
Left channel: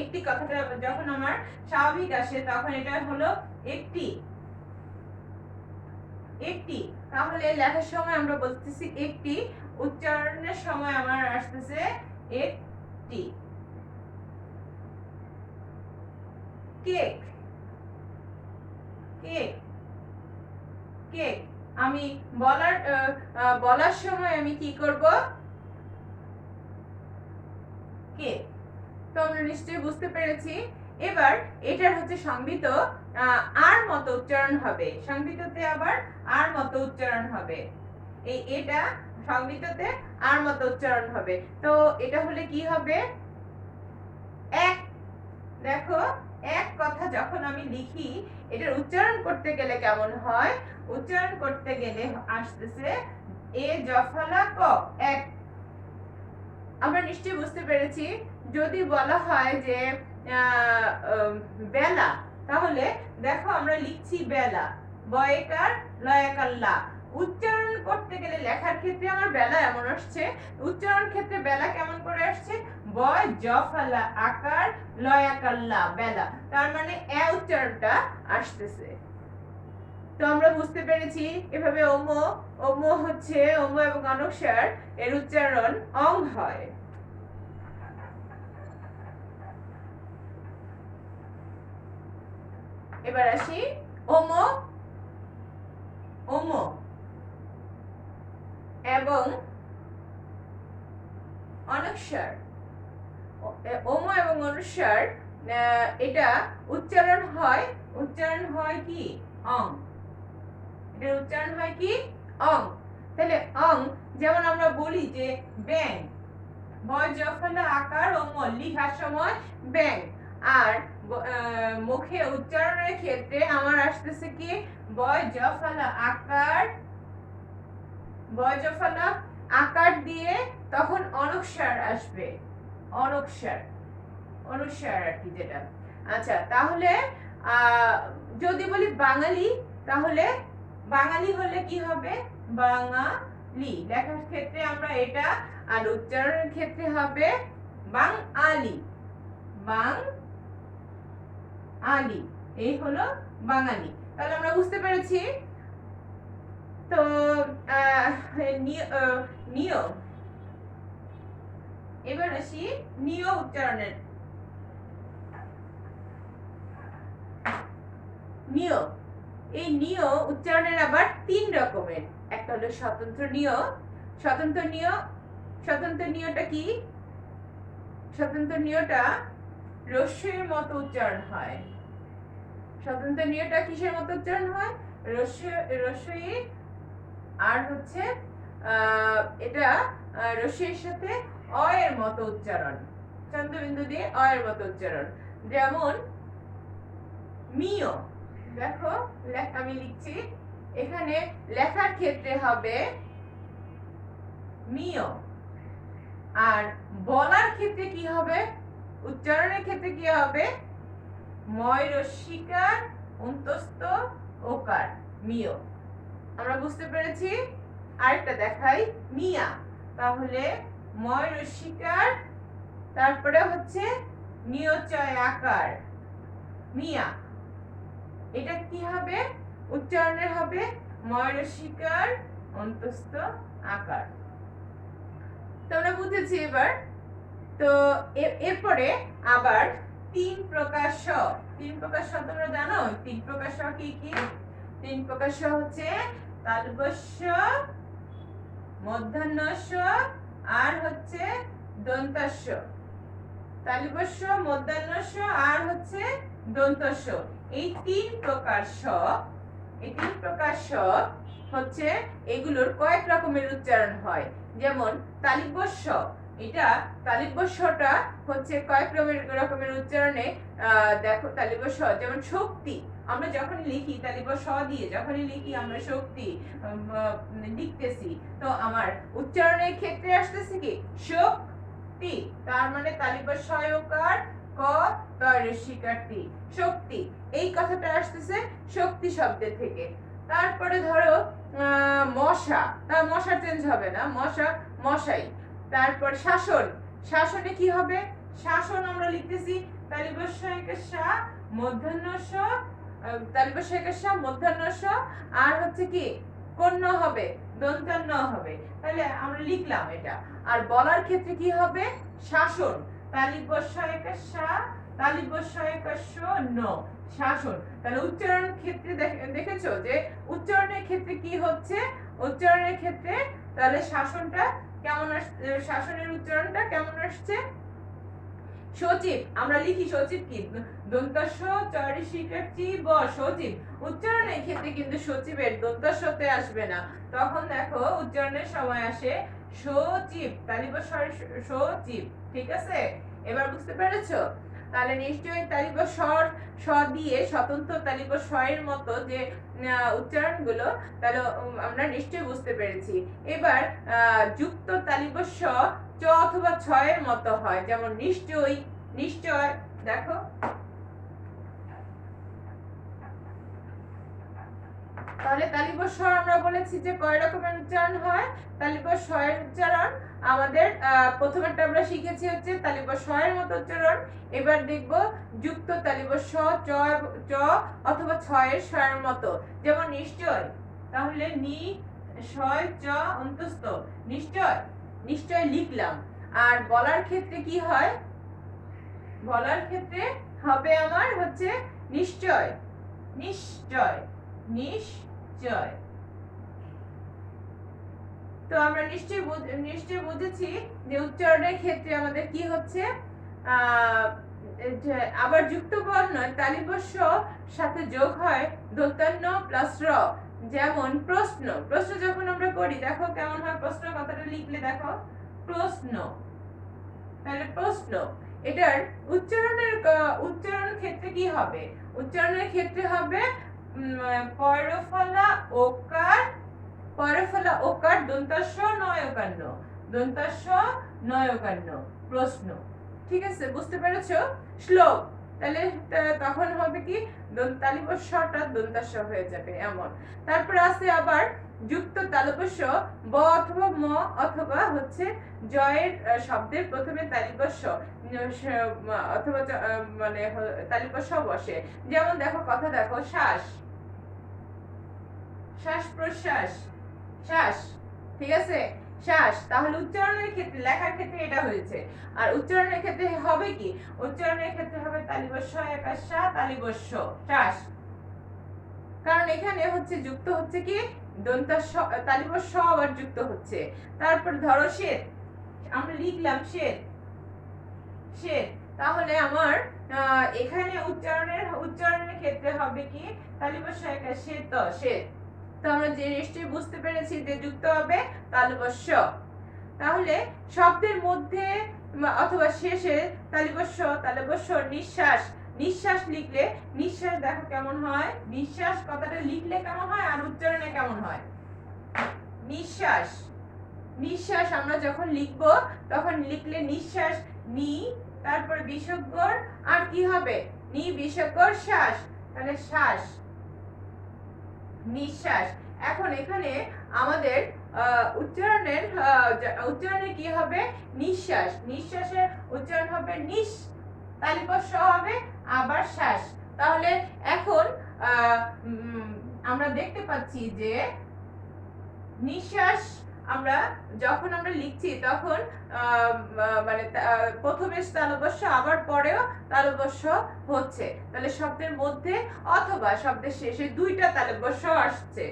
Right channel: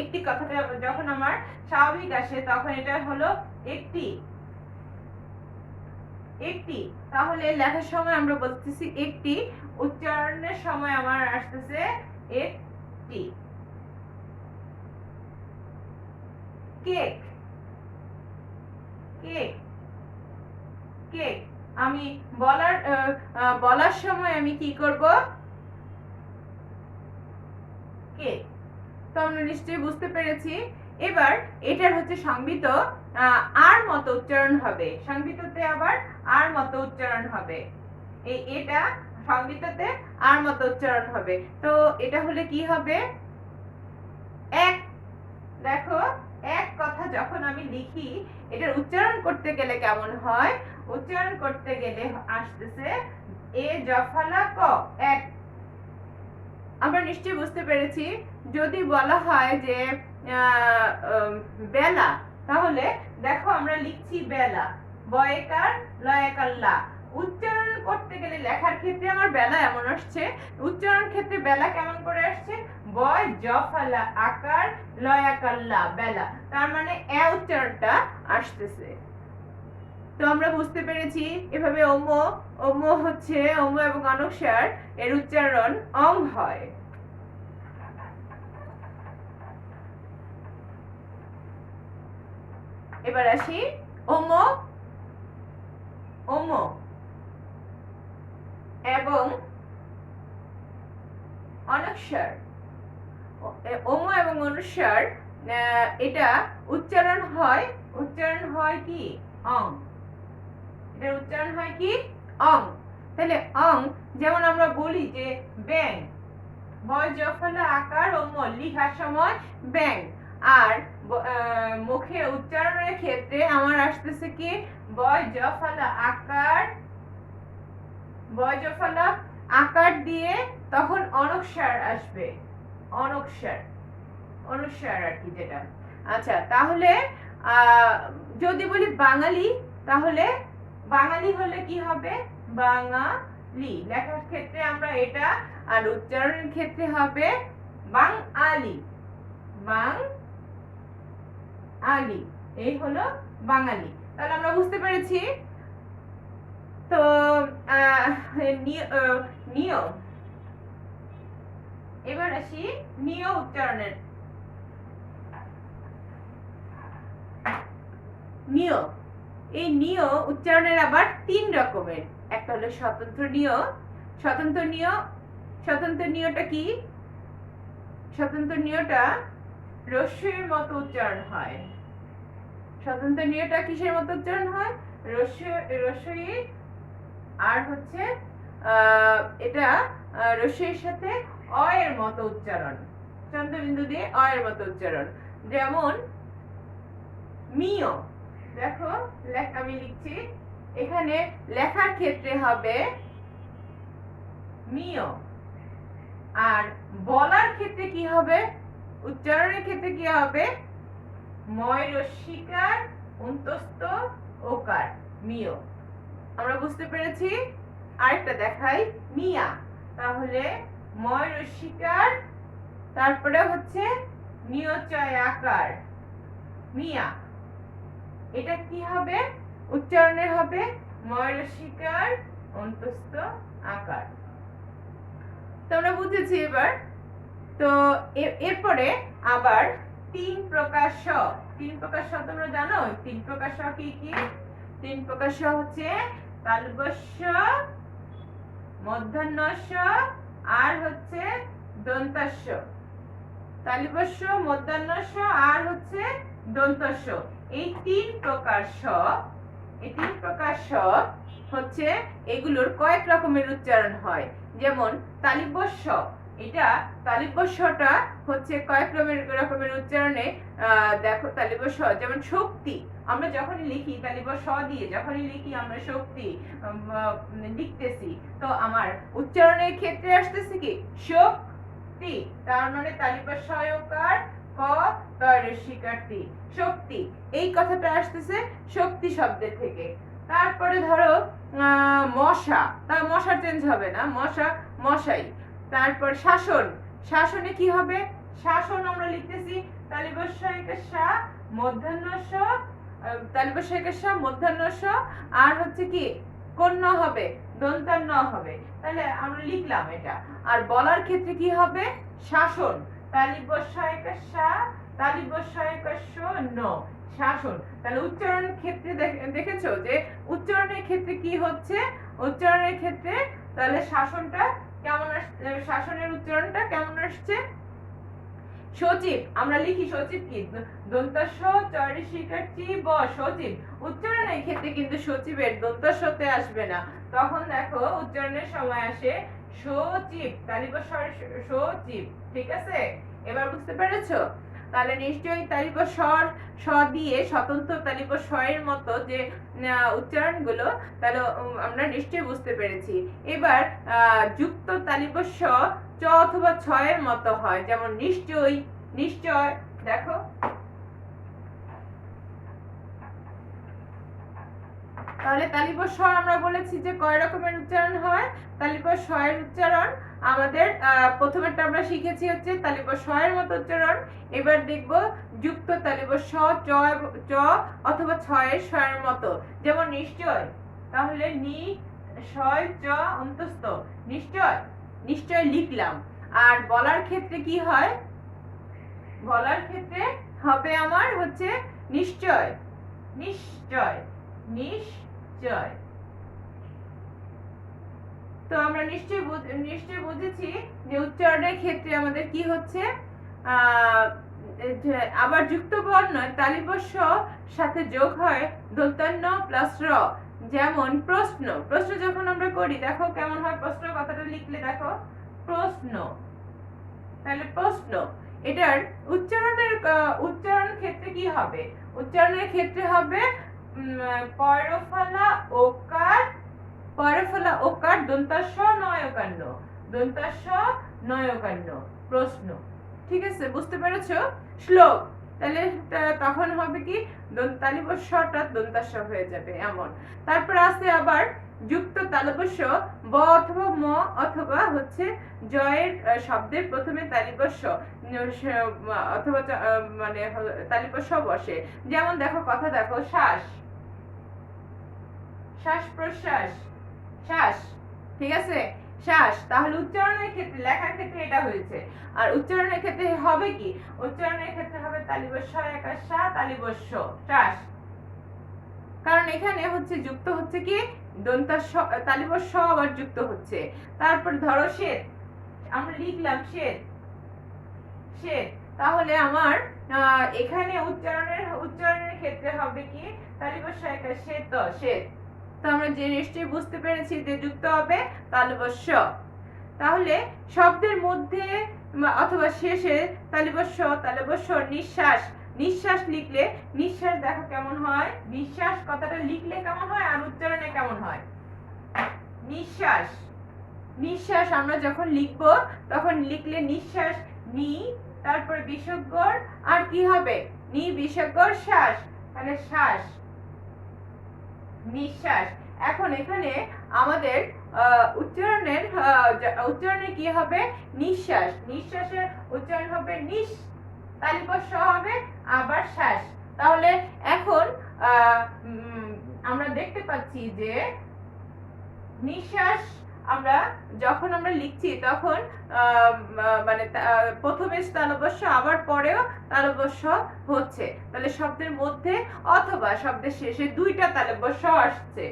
একটি কথাটা যখন আমার স্বাভাবিক আসে তখন এটা হলো একটি, একটি। তাহলে লেখার সময় আমরা বলতেছি একটি, উচ্চারণের সময় আমার আসতেছে একটি। কেক, কেক, কেক আমি বলার সময় আমি কি করব, কেক। তো আমরা নিশ্চয়ই বুঝতে পেরেছি। এবার এটার হচ্ছে সংবিত আর মতো উচ্চারণ হবে, সংবিততে আবার আর মতো উচ্চারণ হবে। এটা সংবিততে আর মতো উচ্চারণ হবে। তো এটা হলে কি হবে, এক। দেখো এক কথা যখন আমি লিখি এটার উচ্চারণ করতে গেলে কেমন হয়, উচ্চারণ করতে গেলে আসতেছে এ জফলা ক, এক। আমরা নিশ্চয়ই বুঝতে পেরেছি। যদি বলা হয় যে বেলা, তাহলে দেখো আমরা লিখছি বেলা, বয়কার লয়কাল্লা। উচ্চারণ করতে গেলে লেখার ক্ষেত্রে আমার বেলা এমন আসছে, উচ্চারণ ক্ষেত্রে বেলা কেমন করে আসছে, বয় জফালা আকার লয়াকাল্লা বেলা, তার মানে উচ্চারণটা আসতেছে। তো আমরা বুঝতে পেরেছি এভাবে ওম হচ্ছে ওম এবং অনস্বর এর উচ্চারণ অং হয়। এবার আসি ওম, ওম এবং অনস্বর, ওম এবং অনস্বর এটা উচ্চারণ হয় কি অং, এটার উচ্চারণ হয় কি অং। তাহলে অং, যেমন আমরা বলি যে ব্যাং, বয় জফলা আকার ওম লিখার সময় ব্যাং, আর মুখে উচ্চারণের ক্ষেত্রে আমার আসতেছে কি বয় জফলা আকার, বয় জফলা আকার দিয়ে তখন অনস্বর আসবে, অনস্বর, অনুস্বার আর কি যেটা। আচ্ছা তাহলে যদি বলি বাঙালি, তাহলে বাঙালি হলে কি হবে, বাঙালি। লেখার ক্ষেত্রে আমরা এটা, আর উচ্চারণের ক্ষেত্রে হবে বাঙালি, বাং আলি, এই হলো বাঙালি। তাহলে আমরা বুঝতে পেরেছি। তো নিয়, এবার আসি নিয় উচ্চারণের। নিয়, এই নিয় উচ্চারণের আবার 3 রকমের। একটা হলো স্বতন্ত্র নিয়। স্বতন্ত্র নিয়, স্বতন্ত্র নিয়টা কি? স্বতন্ত্র নিয়টা রস্যইর মতো উচ্চারণ হয়। স্বতন্ত্র নিয়টা কিসের মতো উচ্চারণ হয়? রস্যই, আর হচ্ছে এটা রস্যইর সাথে অ এর মতো উচ্চারণ, চন্দ্রবিন্দু দিয়ে অ এর মতো উচ্চারণ। যেমন মিয়, দেখো আমি লিখছি, এখানে লেখার ক্ষেত্রে হবে মিয়, আর বলার ক্ষেত্রে কি হবে? উচ্চারণের ক্ষেত্রে কি হবে? ময় রস্যিকার অন্তস্থ ওকার, মিয়। আমরা বুঝতে পেরেছি। আরেকটা দেখাই, মিয়া। তাহলে ময় রস্যিকার, তারপরে হচ্ছে নিয়চয় আকার, মিয়া। এটা কি হবে? উচ্চারণের হবে ময় রস্যিকার অন্তস্থ আকার। তোমরা বুঝেছি এবার। তো এরপরে আবার 3 প্রকার স। 3 প্রকার স তোমরা জানো? 3 প্রকার স কি কি? 3 প্রকার স হচ্ছে তালব্য-স, মূর্ধন্য-স, আর হচ্ছে দন্ত্য-স। তালব্য-স, মূর্ধন্য-স, আর হচ্ছে দন্ত্য-স। এই 3 প্রকার স, এই 3 প্রকার স হচ্ছে এগুলোর কয়েক রকমের উচ্চারণ হয়। যেমন তালব্য-স, এটা তালব্য-সটা হচ্ছে কয়েক রকমের উচ্চারণে। দেখো তালব্য-স, যেমন শক্তি, আমরা যখনই লিখি তালব্য-স দিয়ে যখনই লিখি আমরা শক্তি লিখতেছি, তো আমার উচ্চারণের ক্ষেত্রে আসতেছে কি শক্তি, তার মানে তালব্য-স-য়কার ক ত ঋষিকার তি, শক্তি। এই কথাটা আসতেছে শক্তি শব্দের থেকে। তারপরে ধরো মশা, তার মশা চেঞ্জ হবে না, মশা মশাই। তারপর শাসন, শাসনে কি হবে? শাসন আমরা লিখতেছি তালব্য-স-য়কার সা, মূর্ধন্য-স, তালব্য-স-য়কার সা, মূর্ধন্য-স, আর হচ্ছে কি কোন হবে? দন্ত্য-ন হবে। তাহলে আমরা লিখলাম এটা। আর বলার ক্ষেত্রে কি হবে? শাসন, তালব্য-স-য়কার সা, তালব্য-স-য়কার স, ন, শাসন। তাহলে উচ্চারণের ক্ষেত্রে দেখেছো যে উচ্চারণের ক্ষেত্রে কি হচ্ছে? উচ্চারণের ক্ষেত্রে তাহলে শাসনটা কেমন আসছে? শাসনের উচ্চারণটা কেমন আসছে? সচিব, আমরা লিখি সচিব কি দন্ত্য-স চ ঋষিকার চি ব, সচিব। উচ্চারণের ক্ষেত্রে কিন্তু সচিবের দন্ত্য-সতে আসবে না, তখন দেখো উচ্চারণের সময় আসে সচিব, তালব্য-স সচিব। ঠিক আছে, এবার বুঝতে পেরেছো? তাহলে নিশ্চয়ই তালব্য-স দিয়ে স্বতন্ত্র তালব্য-স এর মতো যে উচ্চারণগুলো, তাহলে আমরা নিশ্চয়ই বুঝতে পেরেছি। এবার যুক্ত তালব্য-স চ অথবা ছ এর মতো হয়, যেমন নিশ্চয়ই, নিশ্চয়। দেখো তাহলে তালব্য-স আমরা বলেছি যে কয় রকমের উচ্চারণ হয়। তালব্য-স এর উচ্চারণ আমাদের প্রথমেরটা আমরা শিখেছি হচ্ছে তালব্য-স এর মতো উচ্চারণ। এবার দেখব যুক্ত তালব্য-স চ অথবা ছ এর স এর মতো, যেমন নিশ্চয়। তাহলে নি শয় চ অন্তস্থ, নিশ্চয়, নিশ্চয় লিখলাম। আর বলার ক্ষেত্রে কি হয়? বলার ক্ষেত্রে হবে আমার হচ্ছে নিশ্চয়, নিশ্চয়, নিশ্চয়। তো আমরা নিশ্চয় বুঝেছি যে উচ্চারণের ক্ষেত্রে আমাদের কি হচ্ছে। আবার যুক্ত বর্ণ তালব্য-স সাথে যোগ হয় দন্ত্য-ন প্লাস র, যেমন প্রশ্ন। প্রশ্ন যখন আমরা করি দেখো কেমন হয়, প্রশ্ন কথাটা লিখলে দেখো প্রশ্ন। তাহলে প্রশ্ন, এটার উচ্চারণ ক্ষেত্রে কি হবে? উচ্চারণের ক্ষেত্রে হবে পয়রফলা ওকার, পয়রফলা ওকার দন্ত্য-স নয়কার ন, দন্ত্য-স নয়কার ন, প্রশ্ন। ঠিক আছে, বুঝতে পেরেছো? শ্লোক, তাহলে তখন হবে কি তালিবস্যটা দন্তাস্য হয়ে যাবে এমন। তারপর আছে আবার যুক্ত তালবস্য ব অথবা ম অথবা হচ্ছে জয়ের শব্দের প্রথমে তালিবস্য অথবা মানে তালিবস্য বসে। যেমন দেখো কথা দেখো, শ্বাস, শ্বাস প্রশ্বাস, শ্বাস, ঠিক আছে, শ্বাস। তাহলে উচ্চারণের ক্ষেত্রে, লেখার ক্ষেত্রে এটা হয়েছে। আর উচ্চারণের ক্ষেত্রে হবে কি, উচ্চারণের ক্ষেত্রে হবে তালিবস্য একার সা তালিবস্য শ্বাস। কারণ এখানে হচ্ছে যুক্ত হচ্ছে কি দন্তাস্য, তালিবস্য আবার যুক্ত হচ্ছে। তারপর ধরো শ্বেত, আমরা লিখলাম শ্বেত, শ্বেত। তাহলে আমার এখানে উচ্চারণের ক্ষেত্রে হবে কি তালিবস্য একার শ্বেত, শ্বেত। তো আমরা যে নিশ্চয়ই বুঝতে পেরেছি যে যুক্ত হবে তালবস্য। তাহলে শব্দের মধ্যে অথবা শেষে তালবস্য, তালবস্য, নিঃশ্বাস, নিঃশ্বাস লিখলে, নিঃশ্বাস দেখো কেমন হয়, নিঃশ্বাস কথাটা লিখলে কেমন হয় আর উচ্চারণে কেমন হয়। নিঃশ্বাস, নিঃশ্বাস আমরা যখন লিখবো তখন লিখলে নিঃশ্বাস নি, তারপর বিসর্গর আর কি হবে নি বিসর্গর শ্বাস, মানে শ্বাস, নিঃশ্বাস। এখন এখানে আমাদের উচ্চারণে কি হবে নিঃশ্বাস, নিঃশ্বাসের উচ্চারণ হবে নিঃ, তালিবস্য হবে আবার শ্বাস। তাহলে এখন আমরা দেখতে পাচ্ছি যে নিঃশ্বাস আমরা যখন আমরা লিখছি তখন মানে প্রথমে তালবস্য আবার পরেও তালবস্য হচ্ছে। তাহলে শব্দের মধ্যে অথবা শব্দের শেষে দুইটা তালবস্য আসছে,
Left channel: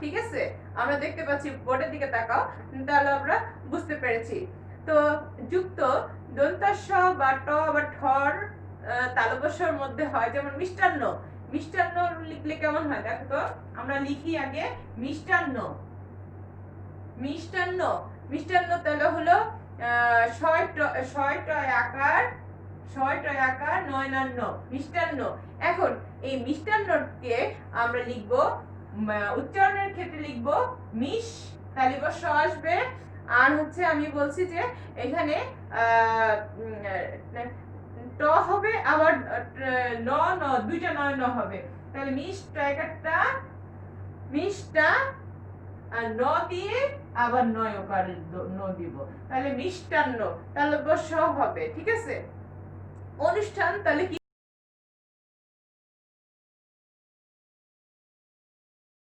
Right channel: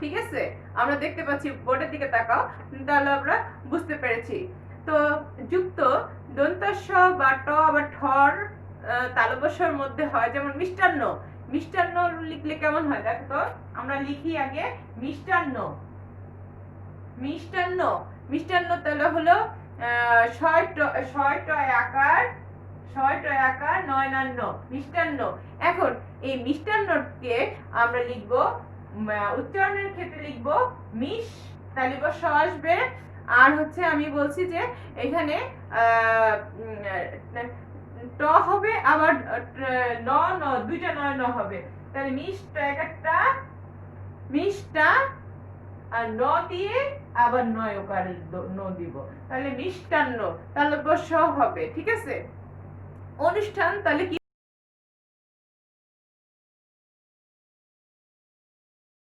ঠিক আছে, আমরা দেখতে পাচ্ছি, বোর্ডের দিকে তাকাও, তাহলে আমরা বুঝতে পেরেছি। তো যুক্ত দন্তাস্য বা ট বা ঠর তালবস্যর মধ্যে হয়, যেমন মিষ্টান্ন, মিষ্টান্ন লিখলে কেমন হয় দেখো তো, আমরা লিখি আগে মিষ্টান্ন, মিষ্টান্ন, মিষ্টান্ন তাহলে হলো ছয় টয় আকার নয়নান্ন, মিষ্টান্ন। এখন এই মিষ্টান্নকে আমরা লিখব, উচ্চারণের ক্ষেত্রে লিখব মিশ, তালিবস্য আসবে। আর হচ্ছে আমি বলছি যে এখানে ট হবে আবার ন ন, দুইটা নয় ন হবে। তাহলে মিষ্টা একটা মিষ্টা আর ন দিয়ে আবার নয় ওকার ন দিব, তাহলে মিষ্টান্ন তালবস্য হবে, ঠিক আছে। অনুষ্ঠান তাহলে কি